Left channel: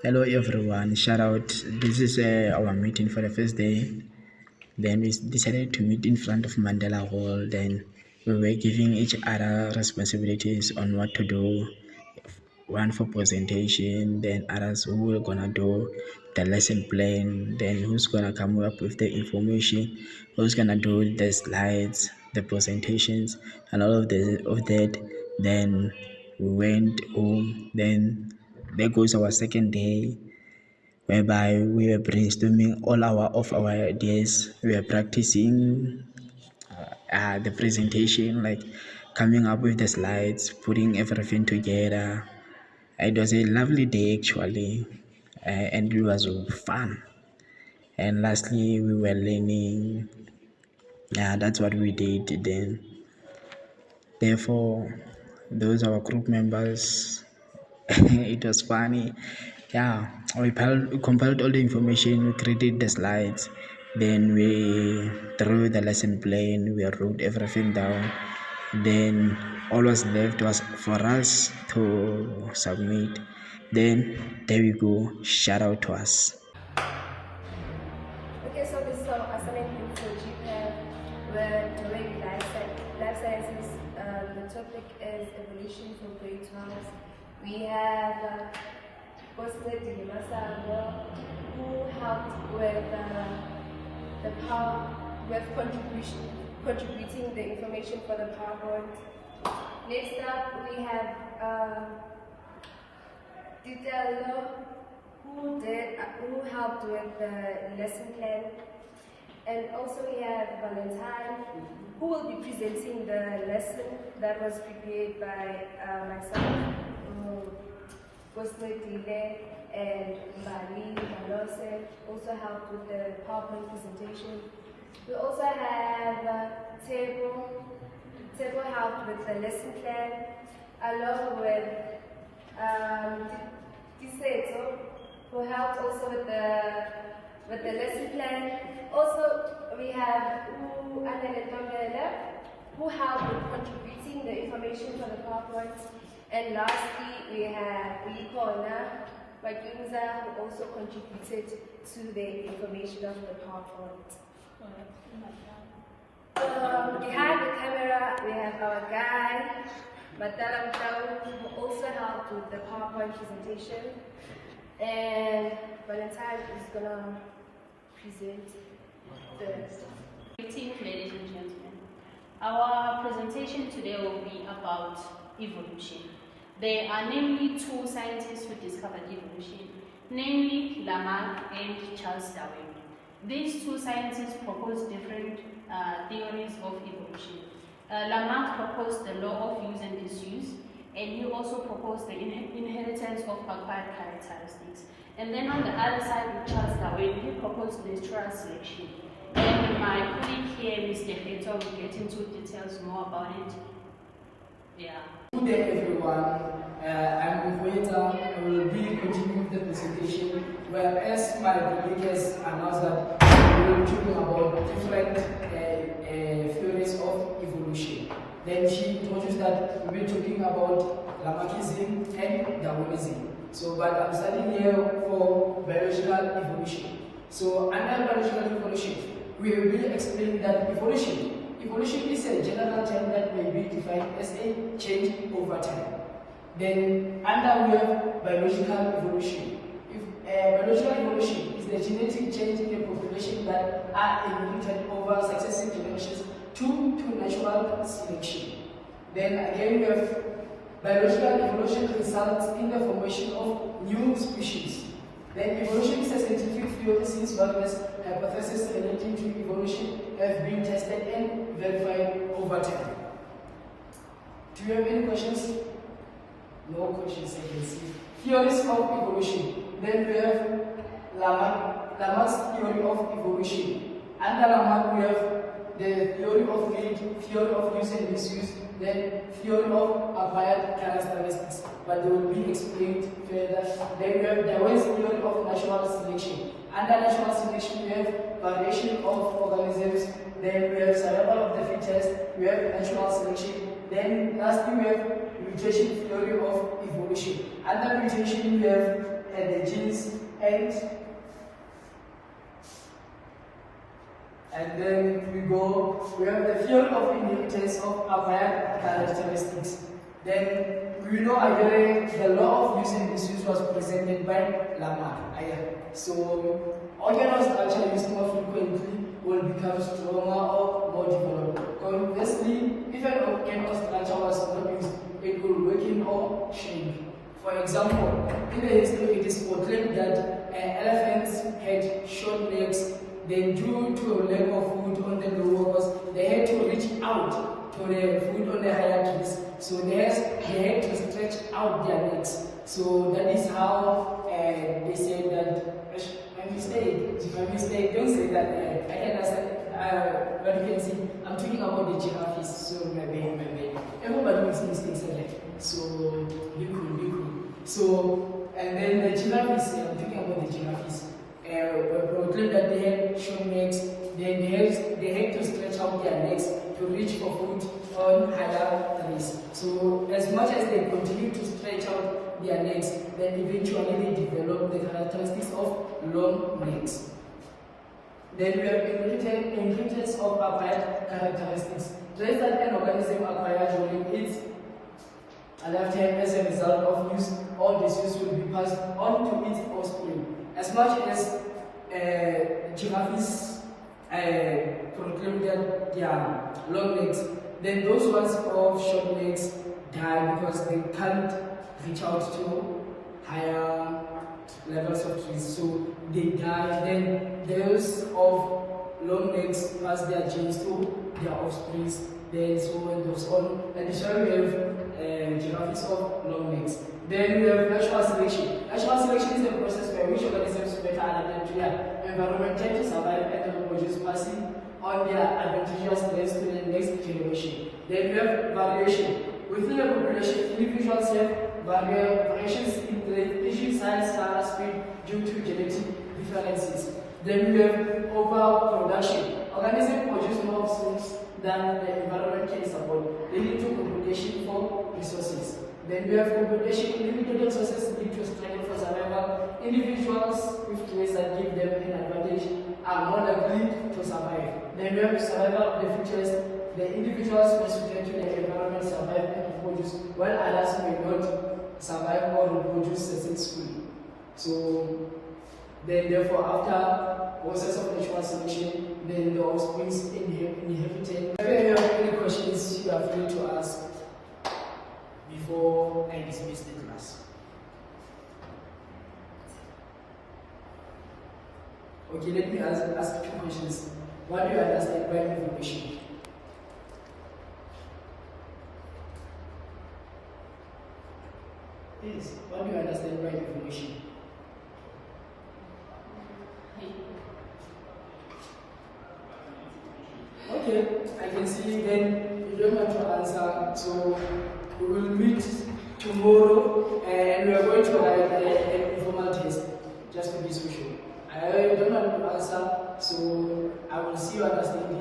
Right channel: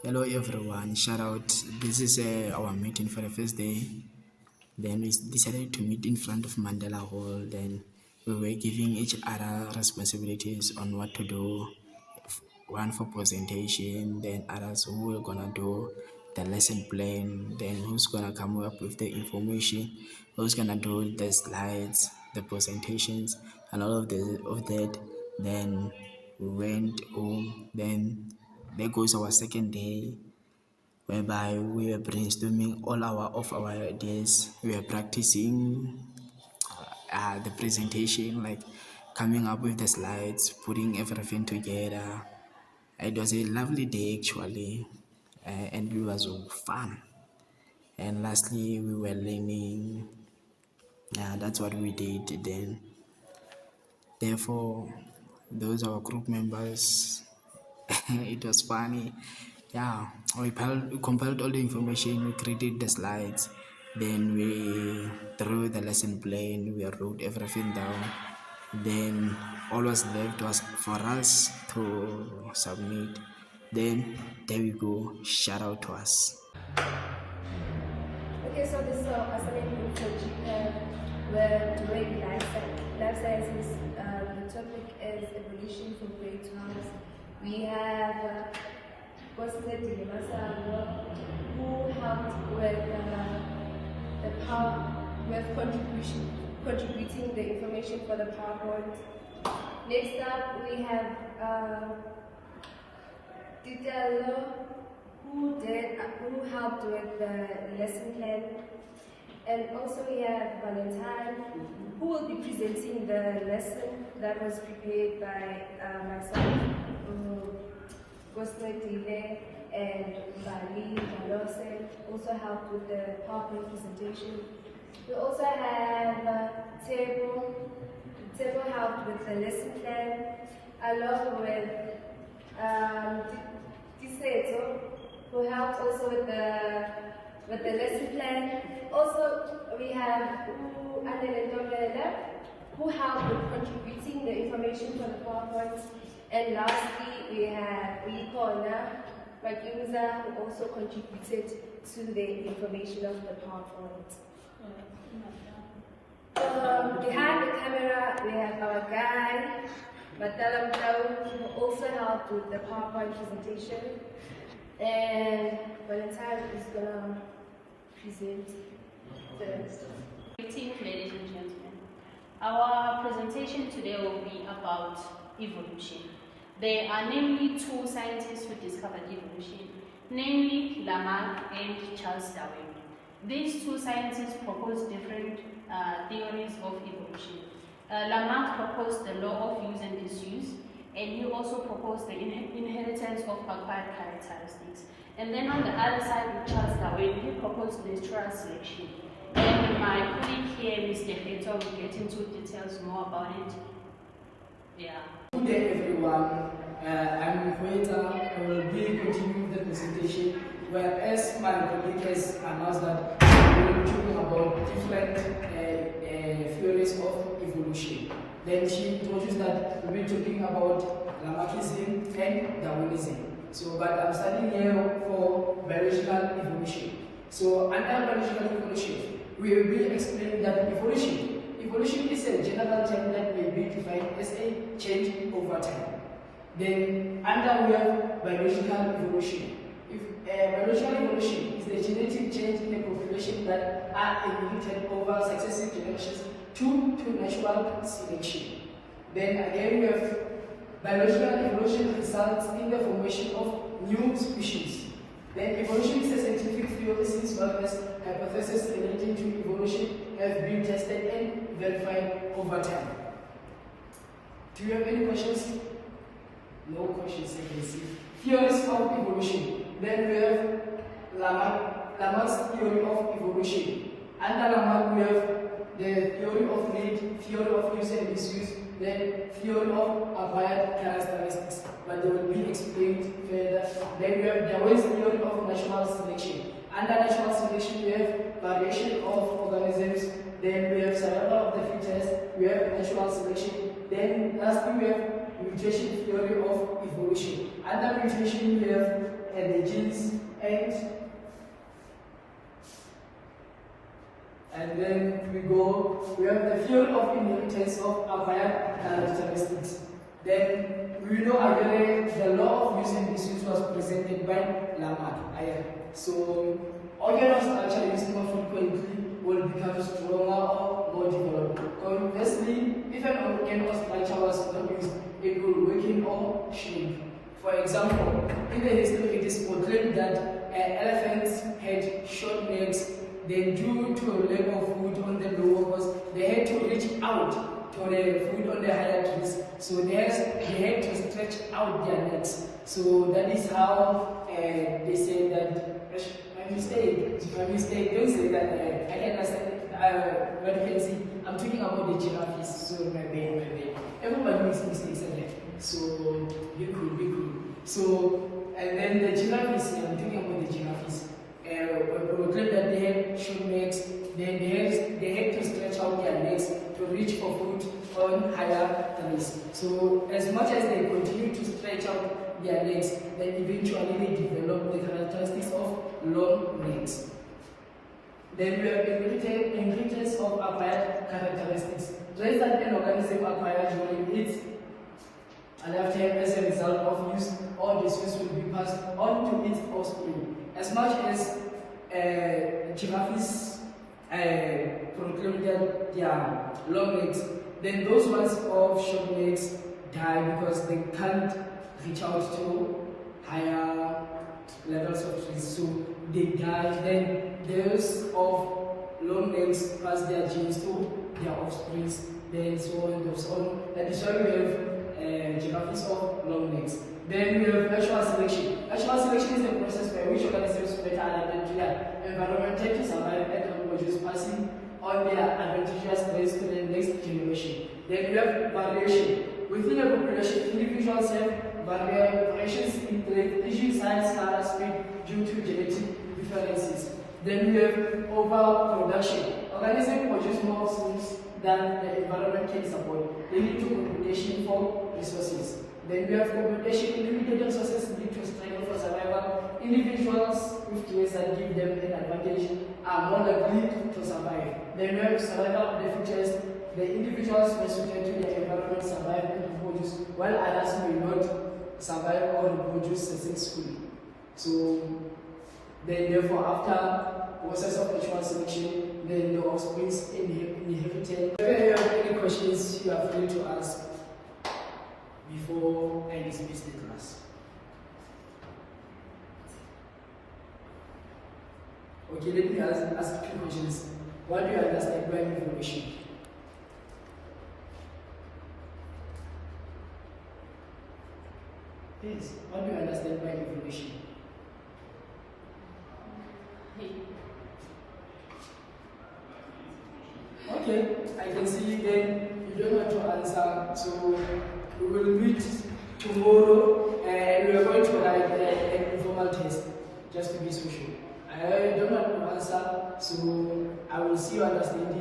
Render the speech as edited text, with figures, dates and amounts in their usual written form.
Hello everyone, shout out. This is our meeting for the first day. Then we decided to meet in front of Mandela Hall. Then we were giving each other responsibilities on what to do. One for presentation, then others who were gonna do the lesson plan, then who's gonna come up with the information, who's gonna do the slides, the presentations, and all of that. Then we went home. Then there goes our second day, whereby we were brainstorming all our ideas. We were practicing the presentation, like coming up with the slides, putting everything together. It was a lovely day actually, and it was fun. And lastly, we were learning. Yeah, that's what we did then. Therefore, those are our group members. It was funny. Yeah, we compiled all the information, we created the slides, then we drew the lesson plan, we wrote everything down. Then all was left was for us to submit. Then there we go. Shout out to us. Okay, so this is our assignment for GPEV. We're doing life sciences. The topic is evolution for grade 12. We have Bosnet Dimasano, who helped with the power, with contributing the information for the PowerPoint. Next up, we have Titelo, who helped with the lesson plan. And also we have Valentine, who will be presenting the lesson that was prepared by myself, Cosmo Dile, and Bali Malose, also helped with the PowerPoint presentation. We also have Tebo helped with the lesson plan, along with Tiseto, who helped also with the lesson plan. Also, we have Anele Tondela, who helped with contributing the information for the PowerPoint. And lastly, we have Likona Magunza, who also contributed to the information of the PowerPoint. Behind the camera, we have our guy, Matala Mtau, who also helped with the PowerPoint presentation. And Valentine is going to present the... Ladies and gentlemen, our presentation today will be about evolution. There are namely two scientists who discovered evolution, namely Lamarck and Charles Darwin. These two scientists proposed different theories of evolution. Lamarck proposed the law of use and disuse, and he also proposed the inheritance of acquired characteristics. And then on the other side, with Charles Darwin, he proposed natural selection. And my colleague here, Mr. Heto, will get into details more about it. Yeah. Good day, everyone. I'm Hueta. I will be continuing the presentation, whereas my colleague has announced that we will be talking about different theories of evolution. Then she told us that we'll be talking about Lamarckism and Darwinism. So, but I'm studying here for biological evolution. So, under biological evolution, we will be explaining that evolution is a general term that may be defined as a change over time. Then, under we have biological evolution. Biological evolution is the genetic change in a population that are inherited over successive generations to natural selection. Then again, we have biological evolution results in the formation of new species. Then evolution is a scientific theory since various hypotheses relating to evolution have been tested and verified over time. Do you have any questions? No questions, I can see. Theories of evolution. Then we have Lamarck's theory of evolution. Under Lamarck, we have the theory of need, theory of use and misuse, then theory of acquired characteristics. But they will be explained further. Then we have Darwin's theory of natural selection. Under natural selection, we have variation of organisms. Then we have survival of the fittest. We have natural selection. Then lastly, we have mutation theory of evolution. Under mutation, we have the genes and then we have the field of inheritance of acquired characteristics. Then we know again the law of use and disuse was presented by Lamarck. So organelle structure used more frequently will become stronger or more developed. Conversely, if an organelle structure was not used, it will weaken or shrink. For example, in the history it is proclaimed that elephants had short necks. Then due to a lack of food on the lower coast, they had to reach out to the food on the higher trees. So they had to stretch out their necks. So that is how they say that, my mistake, don't say that, I can understand, but you can see, I'm talking about the giraffes, so my bad. Everybody makes mistakes again. So, be cool. So, and then the giraffes, I'm talking about the giraffes. Proclaimed that they had short necks, then they had to stretch out their necks to reach for food on higher trees. So as much as they continue to stretch out their necks, then eventually they develop the characteristics of long necks. Then we have inheritance of acquired characteristics. Traits that an organism acquires during its lifetime as a result of use or disuse will be passed on to its offspring. As much as giraffes proclaim that they are long legs, then those ones of short legs die because they can't reach out to higher levels of trees, so they die. Then those of long legs pass their genes to their offspring, then so on and so on. That is why we have giraffes of long legs. Then we have natural selection. Natural selection is a process by which organisms better adapted to their environment to survive and to reproduce, passing on their advantageous traits to the next generation. Then we have variation. Within a population, individuals have variations in traits, tissue size, color, speed due to genetic differences. Then we have overproduction. Organisms produce more foods than the environment can support, leading to competition for resources. Then we have competition. Limited resources lead to struggle for survival. Individuals with traits that give them an advantage are more likely to survive. Then we have survival of the fittest. The individuals specific to the environment survive and reproduce, while others may not survive or reproduce successfully. So then therefore after process of natural selection, then the offspring inherited. If you have any questions, you are free to ask before I dismiss the class. Okay, let me ask 2 questions. What do you understand by evolution? Please, what do you understand by evolution? Okay, I can see then you don't want to answer, so we will meet tomorrow and we are going to have an informal test just to be social. I don't want to answer, so I will see you understanding